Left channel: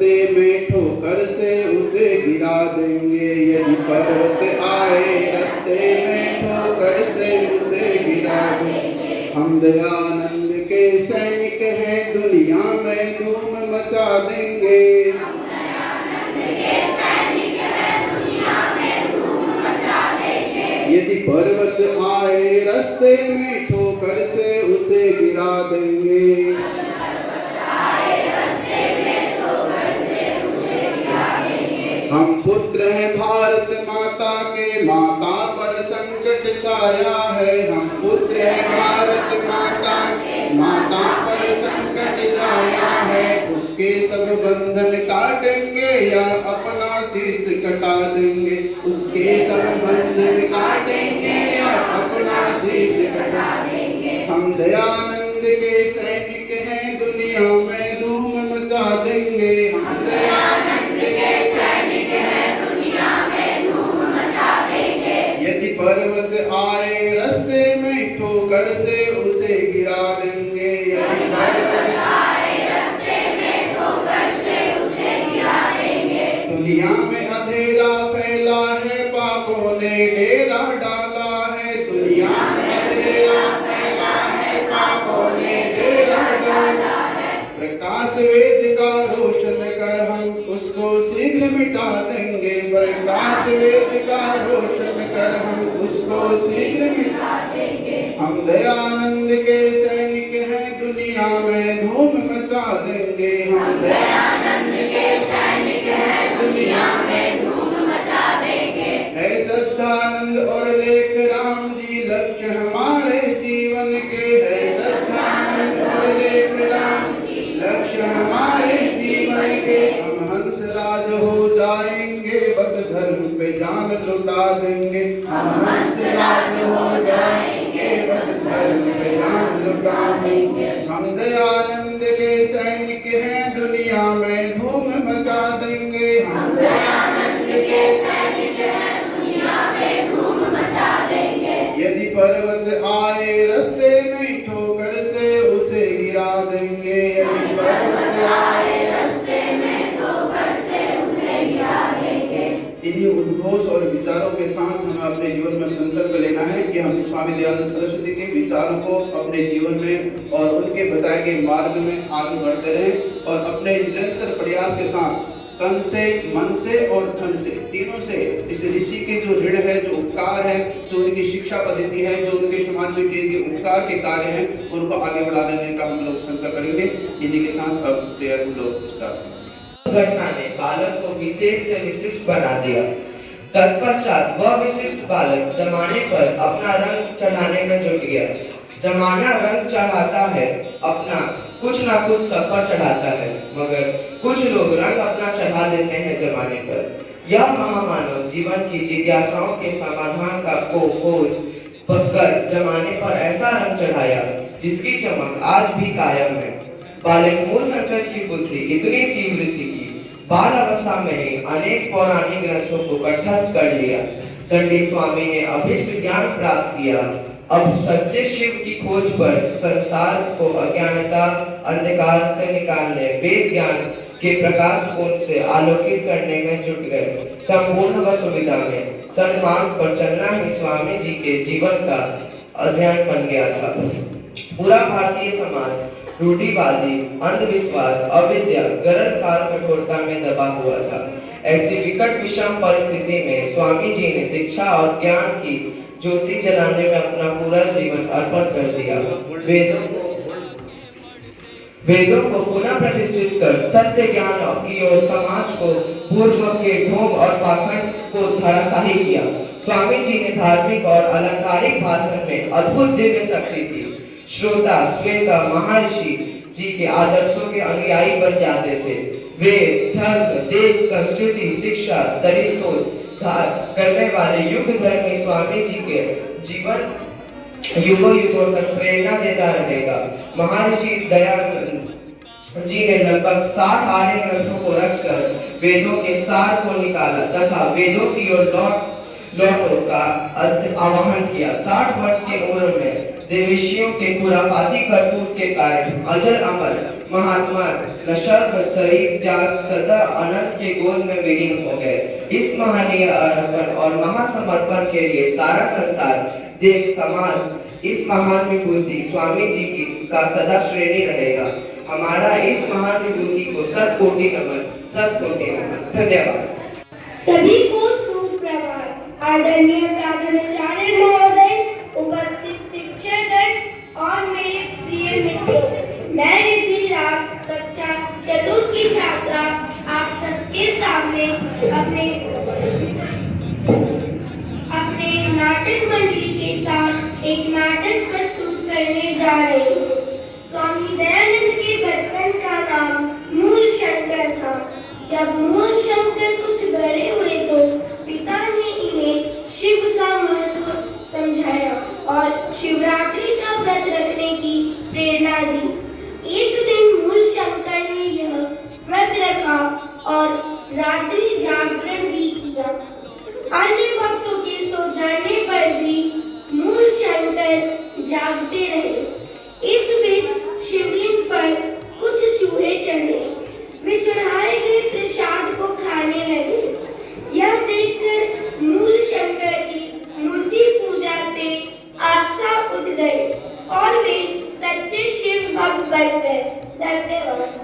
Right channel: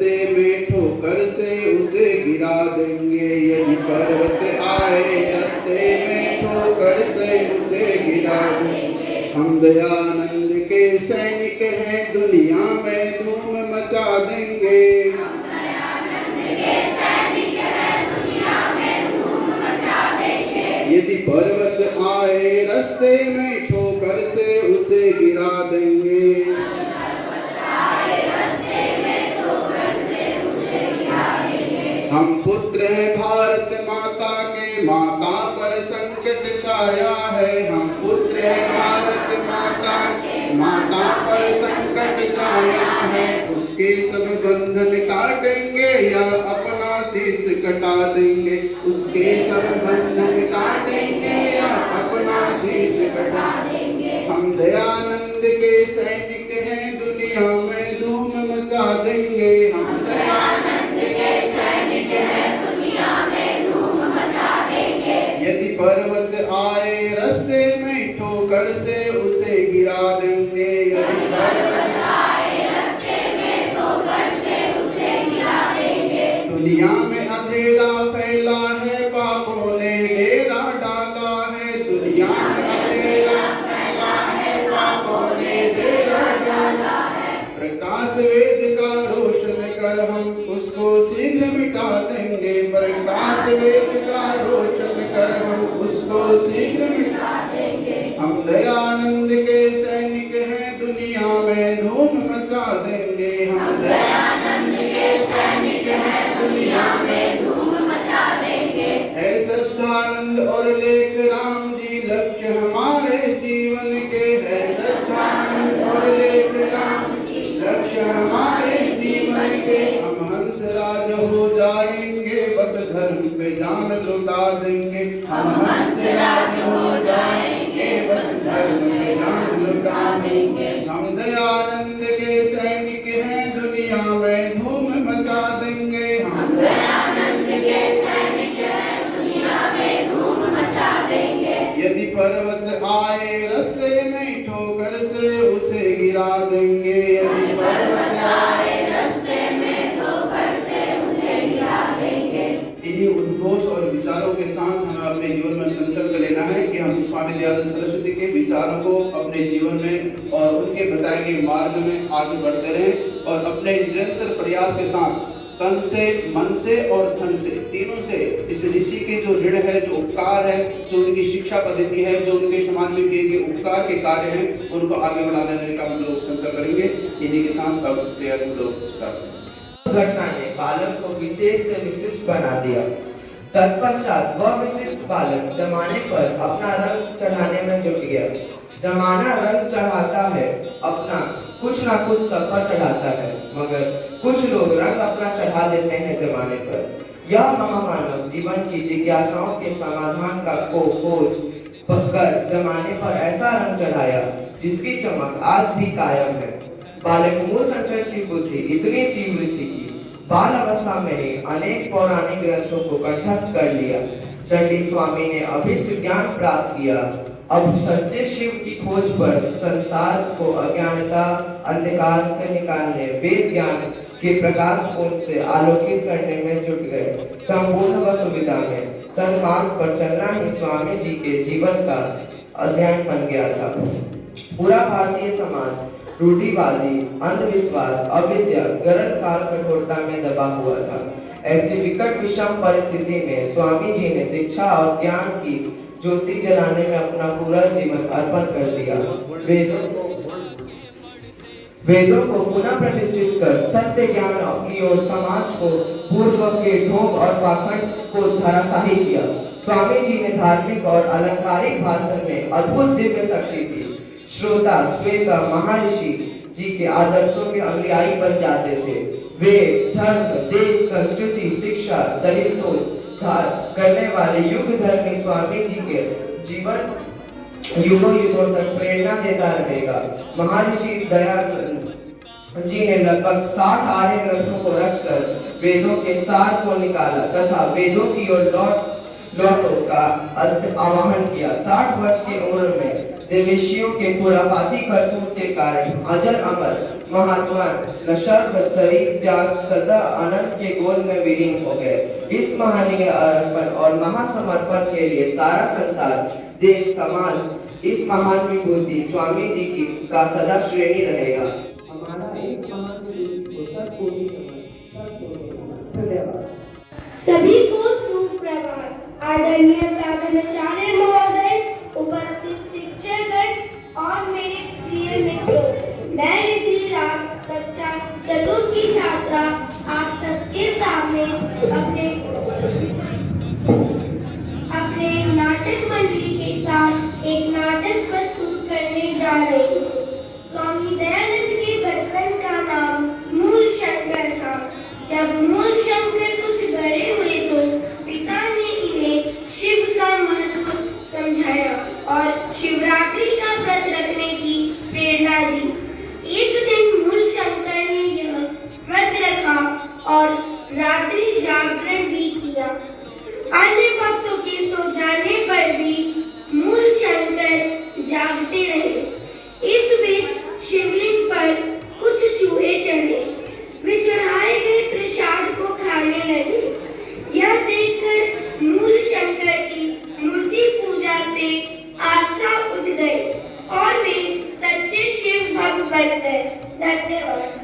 रास्ते में ठोकर से उसे गिरा देंगे। यदि पर्वत आए रास्ते में ठोकर से उसे गिरा देंगे। हम दयानंद के सैनिक हैं, दुनिया में धूम मचा देंगे। यदि पर्वत आए रास्ते में ठोकर से उसे गिरा देंगे। हम पुत्र हैं भारत माता के, माता पर संकट छाया है। हम पुत्र हैं भारत माता के, माता पर संकट छाया है। उसके सब बंधन काटेंगे या अपना शीश कटा देंगे। उसके सब बंधन काटेंगे या अपना शीश कटा देंगे। हम दयानंद के सैनिक हैं, दुनिया में धूम मचा देंगे। हम दयानंद के सैनिक हैं, दुनिया में धूम मचा देंगे। यदि पर्वत आए रास्ते में ठोकर से उसे गिरा देंगे। यदि पर्वत आए रास्ते में ठोकर से उसे गिरा देंगे। दुनिया में अंधेरा फैला है, पापों ने डेरा डाला है। दुनिया में अंधेरा फैला है, पापों ने डेरा डाला है। प्रकाश वेद का रोशन कर हम उसको शीघ्र मिटा देंगे। प्रकाश वेद का रोशन कर हम उसको शीघ्र मिटा देंगे। हम दयानंद के सैनिक हैं, दुनिया में धूम मचा देंगे। हम दयानंद के सैनिक हैं, दुनिया में धूम मचा देंगे। है श्रद्धानंद और लेख राम जी लक्ष्य हमारे जीवन के। है श्रद्धानंद और लेख राम जी लक्ष्य हमारे जीवन के। हम हंसराज हो जाएंगे, बस धर्म पे जान लुटा देंगे। हम हंसराज हो जाएंगे, बस धर्म पे जान लुटा देंगे। हम दयानंद के सैनिक हैं, दुनिया में धूम मचा देंगे। हम दयानंद के सैनिक हैं, दुनिया में धूम मचा देंगे। यदि पर्वत आए रास्ते में ठोकर से उसे गिरा देंगे। यदि पर्वत आए रास्ते में ठोकर से उसे गिरा देंगे। इन्हीं उद्घोष और विचारों के साथ हमें अपने जीवन में संकल्प लेना है कि हम स्वामी दयानंद सरस्वती के विचारों को अपने जीवन में और उनके बताए गए मार्ग में आगे बढ़ते रहें और अपने निरंतर प्रयास के साथ तन से, मन से और धन से, तीनों से इस ऋषि के जो ऋण है, जो उपकार है, जो उनकी शिक्षा पद्धति है, जो उनके समाज में किए गए उपकार के कार्य हैं, उनको आगे बढ़ाने का हम लोग संकल्प करेंगे। इन्हीं के साथ अब प्रेयर लोग स्टार्ट। घटना ने बालक को विशेष से विशिष्ट बना दिया। तत्पश्चात वह विशिष्ट बालक जमाने पर अपना रंग चढ़ाने में जुट गया। जमाना रंग चढ़ाता है, अपना कुछ ना कुछ सफर चढ़ाता है, मगर कुछ लोग रंग अपना चढ़ा देते हैं जमाने पर। यह महामानव जीवन की जिज्ञासाओं के समाधान का खोज कर जमाने पर ऐसा रंग चढ़ाया जिसकी चमक आज भी कायम है। बालक मूलशंकर की बुद्धि इतनी तीव्र थी कि बाल अवस्था में ही अनेक पौराणिक ग्रंथों को कंठस्थ कर लिया। दंडी स्वामी ने अभिष्ट ज्ञान प्राप्त किया। अब सच्चे शिव की खोज पर संसार को अज्ञानता अंधकार से निकालने, वेद ज्ञान के प्रकाश पुंज से आलोकित करने में जुट गए। संपूर्ण व सुविधा में सन्मार्ग पर चलना ही स्वामी जी के जीवन का अध्ययन बन गया था। पूरा भारतीय समाज रूढ़िवादी, अंधविश्वास, अविद्या, गलत काल कठोरता में दबा हुआ था। ऐसी विकट विषम परिस्थिति में स्वामी जी ने शिक्षा और ज्ञान की ज्योति जलाने में अपना पूरा जीवन अर्पण कर दिया। वेदों को पुनः प्रतिष्ठित कर सत्य ज्ञान की ओर समाज को पूर्व के ढोंग और पाखंड को धराशाही किया। स्वामी जी ने धार्मिक और अलंकारिक भाषण में अद्भुत दिव्य शक्ति थी। श्रोता स्वयं महर्षि जी के आदर्शों के अनुयायी बन जाते थे। वे धर्म, देश, संस्कृति, शिक्षा, दरिद्रोद्धार करने वाले युग धर्मी स्वामी जी के जीवन युगों युगों तक प्रेरणा देता रहेगा। महर्षि दयानंद जी ने लगभग 60 आर्य ग्रंथों को रचकर वेदों के सार को निकाला तथा वेदों की ओर लौटों का आह्वान किया। 60 वर्ष की उम्र में देवेशियों के खुराफाती करतूत के कारण अजर अमर महात्मा नशर शरीफ त्याग सदा अनंत के गोद में विलीन हो गए। इस महनीय अर्पण और महासमर्पण के लिए सारा संसार, देश, समाज इस महान विभूति स्वामी जी की का सदा श्रेणी रहेगा। हमारा इस महान विभूति को शत कोटि नमन, शत कोटि नमन। धन्यवाद। सभी को सुप्रभात। आदरणीय प्राचार्य महोदय, उपस्थित शिक्षकगण और मेरे प्रिय मित्रों, मैं रिद्धि राग कक्षा चतुर्थ की छात्रा आप सबके सामने अपने नाटक मंडली के साथ एक नाटक प्रस्तुत करने जा रही हूँ। स्वामी दयानंद के बचपन का नाम मूल शंकर था। जब मूल शंकर कुछ बड़े हुए तो पिता ने इन्हें शिव का महत्व समझाया और शिवरात्रि का व्रत रखने की प्रेरणा दी। एक दिन मूल शंकर ने यह व्रत रखा और रात्रि जागरण भी किया। अन्य भक्तों के सो जाने पर भी मूल शंकर जागते रहे। इस बीच शिवलिंग पर कुछ चूहे चढ़े। वे चढ़ाए गए प्रसाद को खाने लगे। यह देखकर मूल शंकर की मूर्ति पूजा से आस्था उठ गई और वे सच्चे शिव भक्त बन गए। धन्यवाद।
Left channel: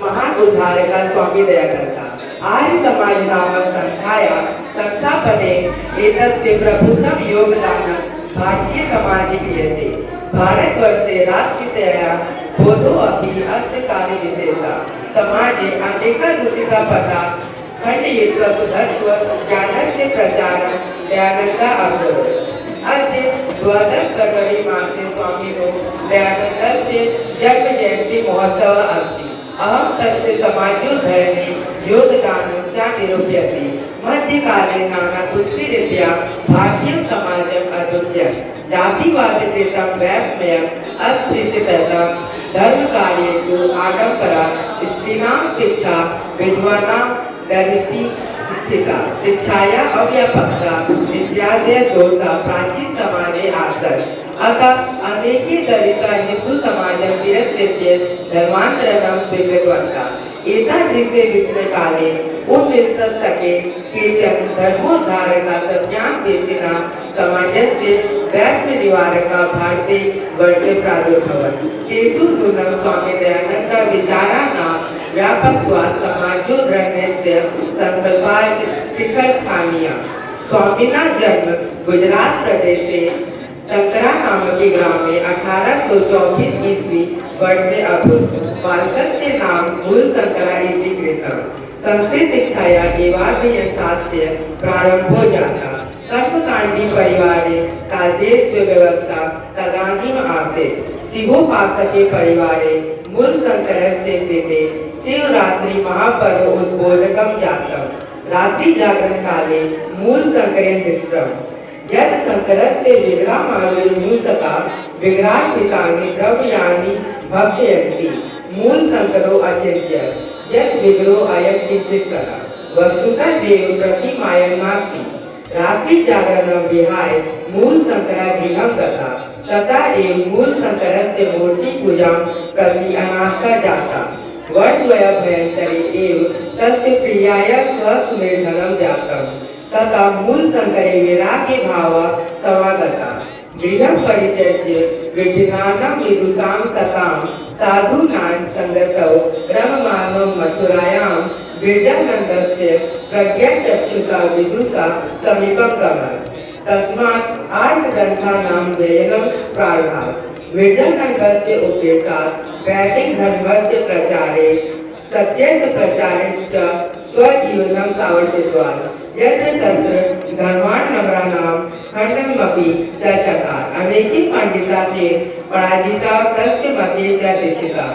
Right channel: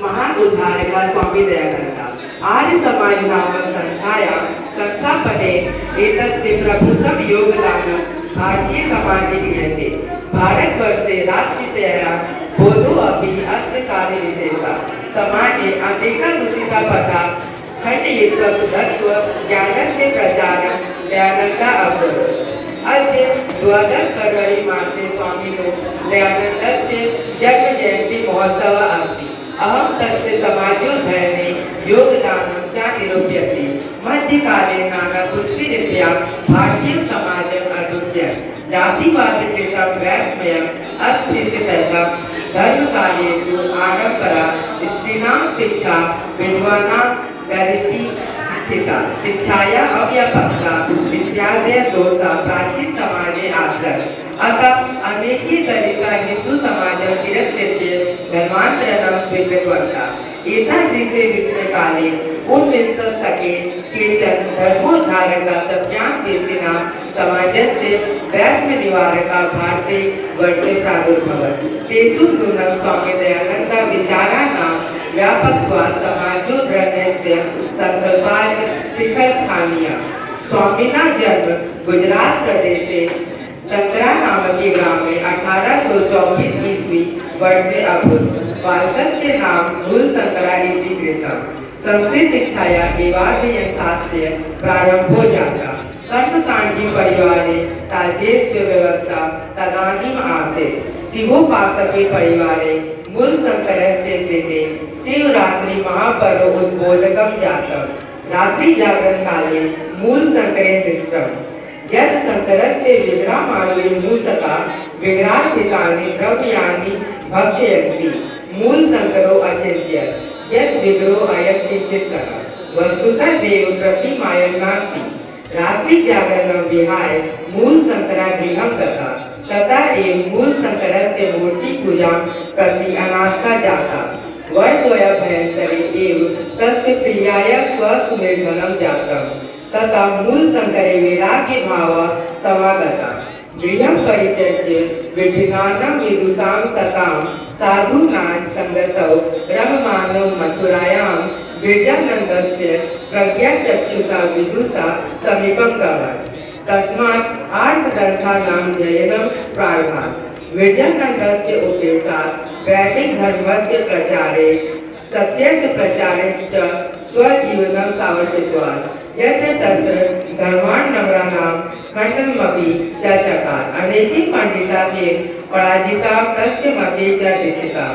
महान उद्धारक स्वामी दयानंद आर्य समाज नामक संस्थाया संस्थापने एतस्य प्रभुत्वं योगदानं भारतीय समाजे क्रियते। भारतवर्षे राष्ट्रीयतया बोधो अपि अस्य कार्यविशेषः समाजे अनेकदूषिता पथा खण्डयित्वा सुधत्व ज्ञानस्य प्रचारं दयानन्दा अकरोत्। अस्य 12 फरवरी मासे स्वामिनो दयानन्दस्य जन्म जयन्ती महोत्सवः अस्ति। अहं तस्य समाजोद्धरणे योग निरूप्यते मध्यकाले नानापुष्टिरीत्या भारतीय समाजम् अदृश्य जातिवादकृतं वैषम्यम् अस्पृश्यतया धर्मकार्येषु आडम्बरा स्त्रीणां शिक्षा विद्वानां दरिद्री स्थिता शिक्षाया अव्यापकता इत्यादि दोषा प्राचीन समाजे आसन् अतः अनेके दलिता हिंदू समाजं तिरस्कृत्य धर्मान्तरणं स्वीकृतवन्तः एतादृशे विषयकाले ऊनविंशशतके केचन धर्मोद्धारकाः सत्यान्वेषिणः समाजस्य वैषम्यनिवारकाः भारते वर्षे प्रादुर्भवन् तेषु नूनं स्वामी दयानन्द विचाराणां व्यापकत्वात् समाजोद्धरणस्य संकल्पाय शिखरस्थानीयः स्वामिना जन्म गुजरात प्रदेशे तंत्रा नामके ग्रामे 1824 ईस्वी वर्षे अभूत् बालकस्य नाम मूलशंकरा इति कृतम् संस्कृत शिक्षाया एवाध्ययनशास्त्रस्य प्रारम्भो जातः कर्मकाण्डी परिवारे तादृश व्यवस्था तदानीम् आसीत् शिवोपासके परिवारे मूलशंकरस्य कृते शिवरात्रि महापर्व उद्बोधकं जातम् रात्रि जागरण काले मूलशंकरे दृष्टम् यत् शंकरस्य विग्रहमाविर्मूषका विग्रहार्पितानि द्रव्याणि भक्षयन्ति मूलशंकरो अचिन्तयत् यत् विग्रहो अयं किञ्चित् वस्तुतः देवप्रतिमायं नास्ति रात्रि जागरणं विहाय मूलशंकरः गृहं गतः तथा एव मूलशंकरस्य मूर्तिपूजां प्रति अनास्था जाता वर्षद्वयाभ्यन्तरे एव तस्य प्रियाय स्वसुनिर्धनं जातम् तथा मूलशंकरे वैराग्यभावः समागतः गृहं परित्यज्य विभिन्नानां विदुषां सतां साधूनां सङ्गतौ रममाणो मथुरायां विरजानन्दस्य प्रज्ञाचक्षुषा विदुषा समीपं गतः तस्मात् आर्षग्रन्थानां अध्ययनं प्रारभात् विरजानन्दस्य उपदेशात् वैदिकधर्मस्य प्रचारे सत्यस्य प्रचारे च स्वजीवनं सावर्तितवान् यत्र तत्र धर्मार्णवराणां खण्डनमपि च चकार अनेके पंडिताः ते पराजिताः तस्य मते च दीक्षिताः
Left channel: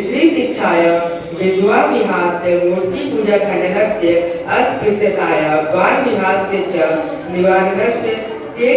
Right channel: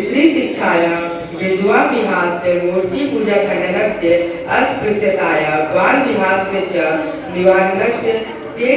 स्त्री शिक्षायां विधवा विहास्य मूर्तिपूजा खण्डनस्य अस्पृश्यताया बाल विहास्य च निवारणस्य ते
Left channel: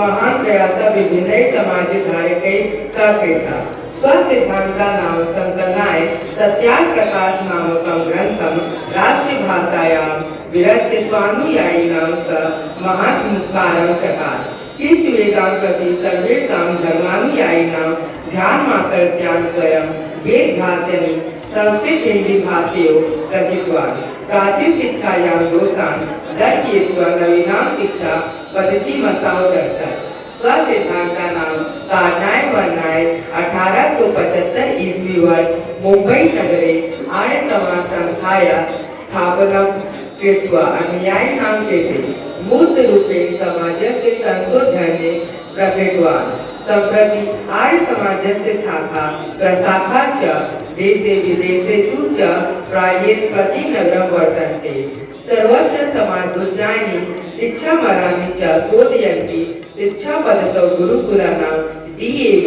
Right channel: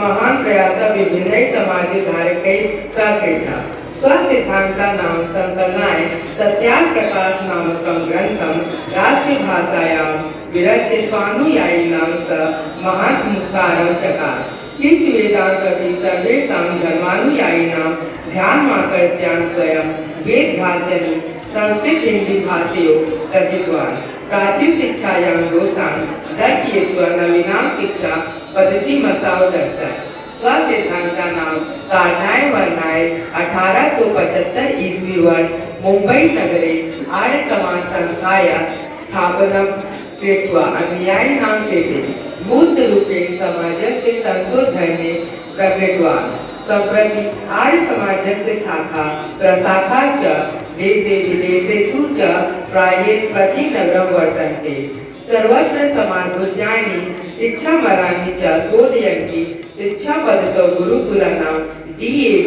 महान् प्रयासः विभिन्नैः समाजधारकैः सहकृतः स्वसिद्धान्तानां संकलनाय सत्याप्रकाश नामकं ग्रन्थं राष्ट्रभाषायां विरच्य स्वानुयायिनां स महात्मुपकारं चकार किञ्च वेदान्तपि सर्वेषां धर्मानुयायिनां ध्यानमाकर्त्यान् स्वयं वेदभाषणी संस्कृत हिंदी भाषयो रचितवान् प्राचीन शिक्षायां दोषान् दर्शयित्वा नवीनां शिक्षा पद्धतिमतां दर्शय स्वसिद्धान्तानां कारणाय वर्णाय 1875 ईस्वी वर्ष मुंबई नगरे आर्य समाज संस्थायाः स्थापनं कृत्वा अनुयायिनां कृते मूर्तरूपेण समाजस्य संशोधने प्रवृत्तवान् सम्प्रति आर्य समाजस्य शाखा प्रशाखा च देशे विदेशेषु च प्रायेण प्रतिनगरं वर्तन्ते सर्वत्र समाजोज्जायिनी शिक्षामराणि च बोधयन्ति शिक्षापद्धतौ गुरुकुलानां DAV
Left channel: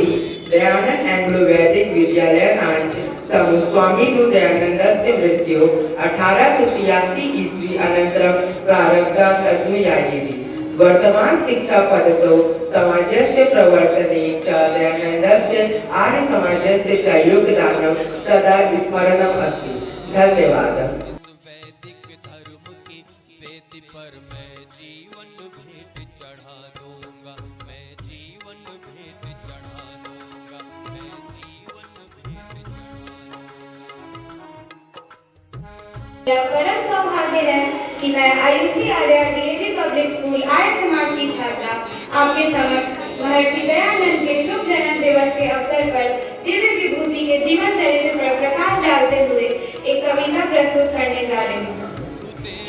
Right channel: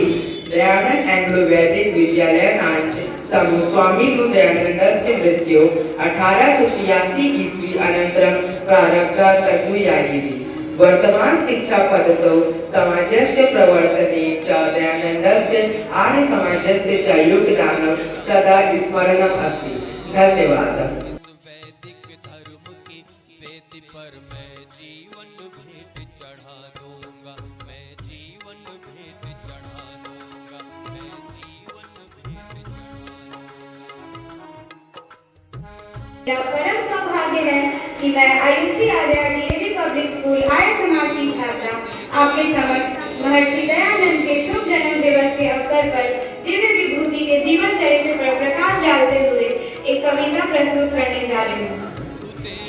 दयानंद एंग्लो-वैदिक विद्यालयानां समूह स्वामी दयानन्दस्य मृत्योः 1883 ईस्वी अनन्तरं प्रारब्धा तदनुयायिनी वर्तमान शिक्षा पद्धतौ समाजस्य प्रवर्तने च दयानन्दस्य आर्य समाजस्य च योगदानं सदा स्मरणम् अस्ति। धन्यवादः। वैदिक धर्म की वेदी पर मैं जीवन भेंट चढ़ा दूंगा, मैं जीवन भेंट चढ़ा दूंगा, मैं जीवन भेंट चढ़ा दूंगा। मेरा परम सौभाग्य है कि मैं Ayushi Arya DAV public school Arya Samaj की छात्रा आपके समक्ष महर्षि दयानंद के शुभ जन्म दिवस के अवसर पर दिव्य विभूति के जीवन चरित्र पर प्रकाश डालते हुए एक कविता प्रस्तुत करने जा रही हूँ।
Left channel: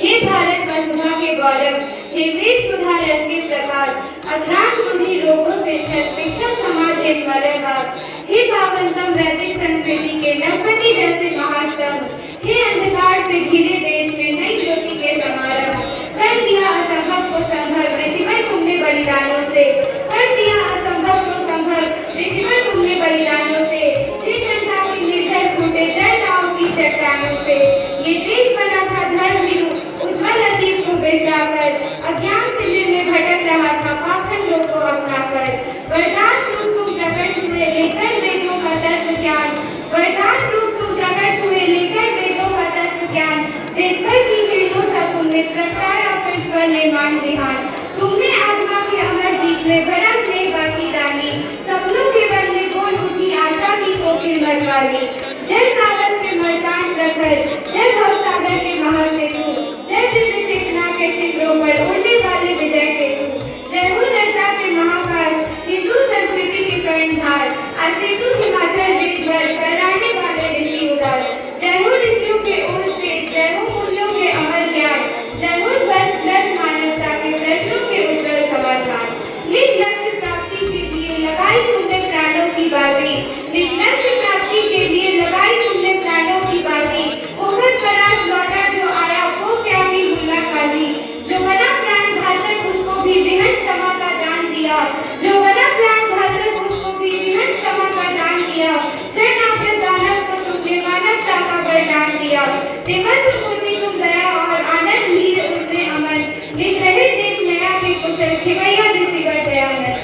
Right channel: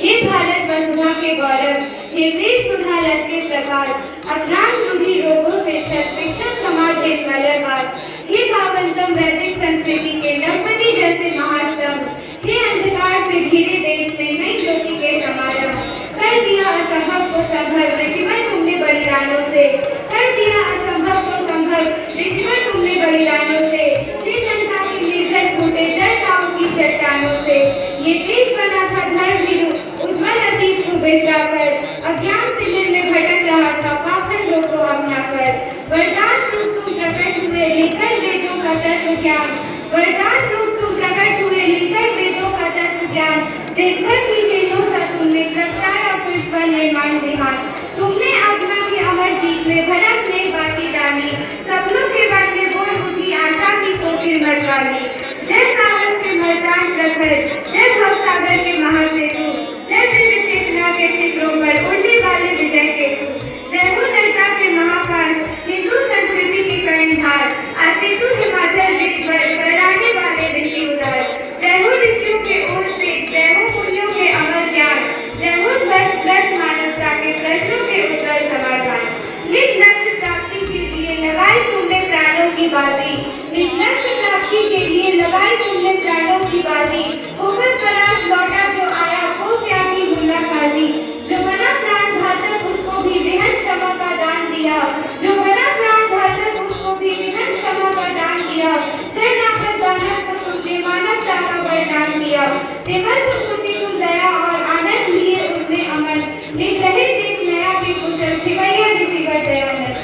हे भारत वसुधा के गौरव, हे वीर सुधा रस के प्रकाश, अज्ञान रूढ़ी रोगों से शिक्षण समाज के मलयवास, हे पावनतम वैदिक संस्कृति के नरपति जैसे महास्तंभ, हे अंधकार से घिरे देश में नई ज्योति के समारंभ, कर दिया असंभव को संभव ऋषिवर तुमने बलिदानों से, कर दिया असंभव को संभव ऋषिवर तुमने बलिदानों से, हे जनता के निर्जर फूटे जल नामों की चट्टानों से, ये देश बना था धर्म विरुद्ध मान बिहान। तुमने आत्मा के अमर बीच में भरम में बाकी डाली, सपनों के वन में बोल उठी आशा की कोकिल मरवाली। जय सागर के मर्दान प्रखर, जय भवसागर के महासेतु, जय दिव्य चेतना के शिखरों पर उड़ने वाले विजय केतु। जय हो नर्मदा के महाकाल, हिंदू संस्कृति की कर्णधार, असेतु हिमाचल देश पर बरसाने वाले ऋषि उदार। जय हो ऋषियों के ओर से, जय हो पुण्यों के अमर ज्ञान, जय हो बस मानवता के प्रश्नों के उत्तर समाधान। निज लक्ष्य प्राप्ति के लिए लगाई तुमने प्राणों की बाजी, निज लक्ष्य प्राप्ति के लिए लगाई तुमने प्राणों की बाजी। होकर परास्त लौटा जो आया वो क्या भी मुल्ला काजी। जो बना प्राण घातक उसको भी बेहद क्षमा का दान दिया, जो बना प्राण घातक उसको भी बेहद क्षमा का दान दिया। शरणागत दानव को तुमने मानवता का वरदान दिया। श्रीमंत मूर्ति तुम दया और आनंद लिए तुमने अमन, निज रहे देश नया के कुशल खिवैया ऋषिवर दया है।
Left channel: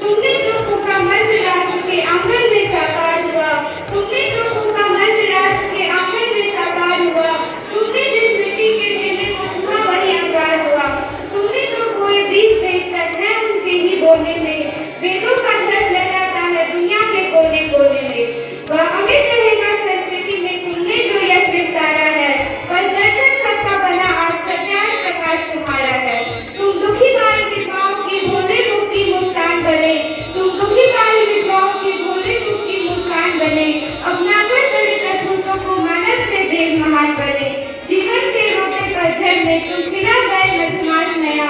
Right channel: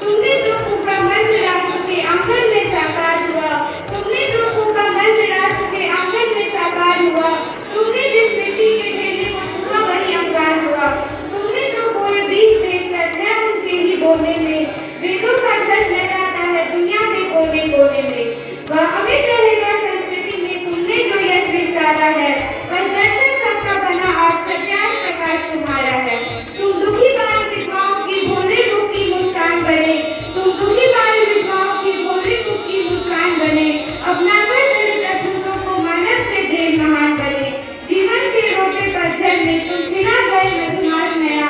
तुमने जो फूका मंत्र राष्ट्र के आंगन में साकार हुआ, तुमने जो फूका मंत्र राष्ट्र के आंगन में साकार हुआ। तुमने जिस मिट्टी के ढेले को छुआ वही अंगार हुआ। तुमने जो बोए 20 देश तक है उनके ही बोले में, वेदों का ध्वज लहराता है दुनिया के कोने कोने में। वह अमिट रहेगा संस्कृति में तुमने जो यश विस्तारा है, वह दर्शन सबका बना आज सत्यान प्रकाश तुम्हारा है। तुम दुखी बाल विधवाओं की भोले मुख की मुस्कान बने, तुम दुखी बाल विधवाओं की भोले मुख की मुस्कान बने। अपनाकर दलित अछूतों को मानव से देव महान बने। जीवन के रोते पतझड़ में तुम बिना गए मधुमास नया,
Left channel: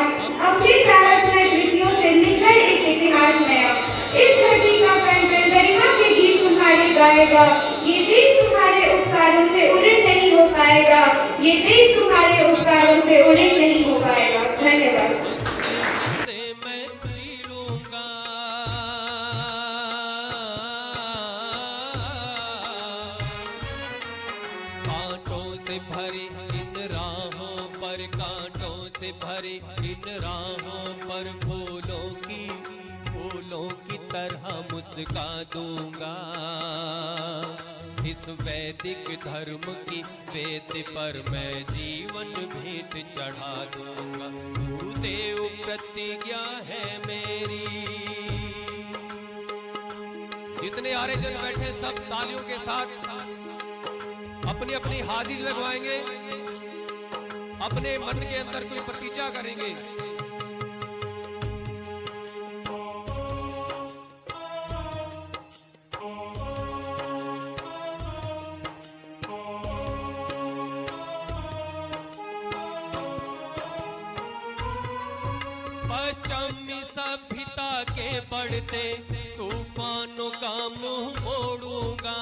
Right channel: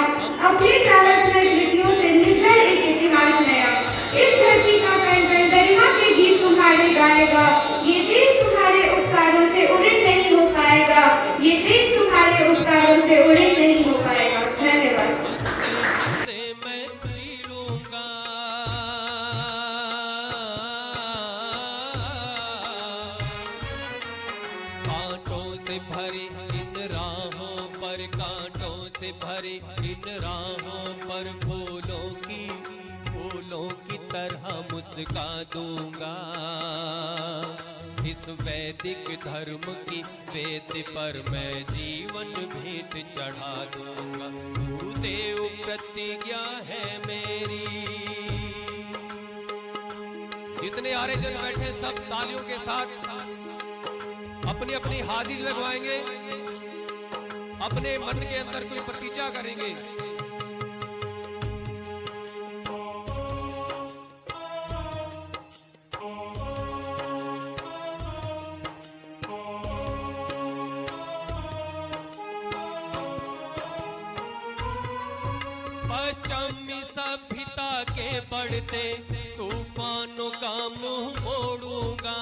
अपने साहसमय कृतियों से लिख गए एक इतिहास नया। इस धरती का कंगन गरिमा के गीत तुम्हारे गाएगा, ये देश तुम्हारे उपकारों से उड़े नहीं हो पाएगा, ये देश तुम्हारे उपकारों से उड़े नहीं हो पाएगा। धन्यवाद। से मैं जी लूंगा, कांटों से भरी इन राहों पर, कांटों से भरी इन राहों पर फूलों की तरह मुस्का दूंगा। इस वैदिक धर्म की वेद पर मैं जीवन भेंट चढ़ा दूंगा। गुरुदेव प्रतिज्ञा है मेरी। जितने आर्यजन बैठे सब तालियों के साथ अपनी अपनी हाजिरी लगवाएंगे, अपने मन के अंदर कोई प्रतिज्ञा करेंगे। पश्चिमी सभ्यता के बढ़ते तूफानों का मुंह मोड़ूंगा।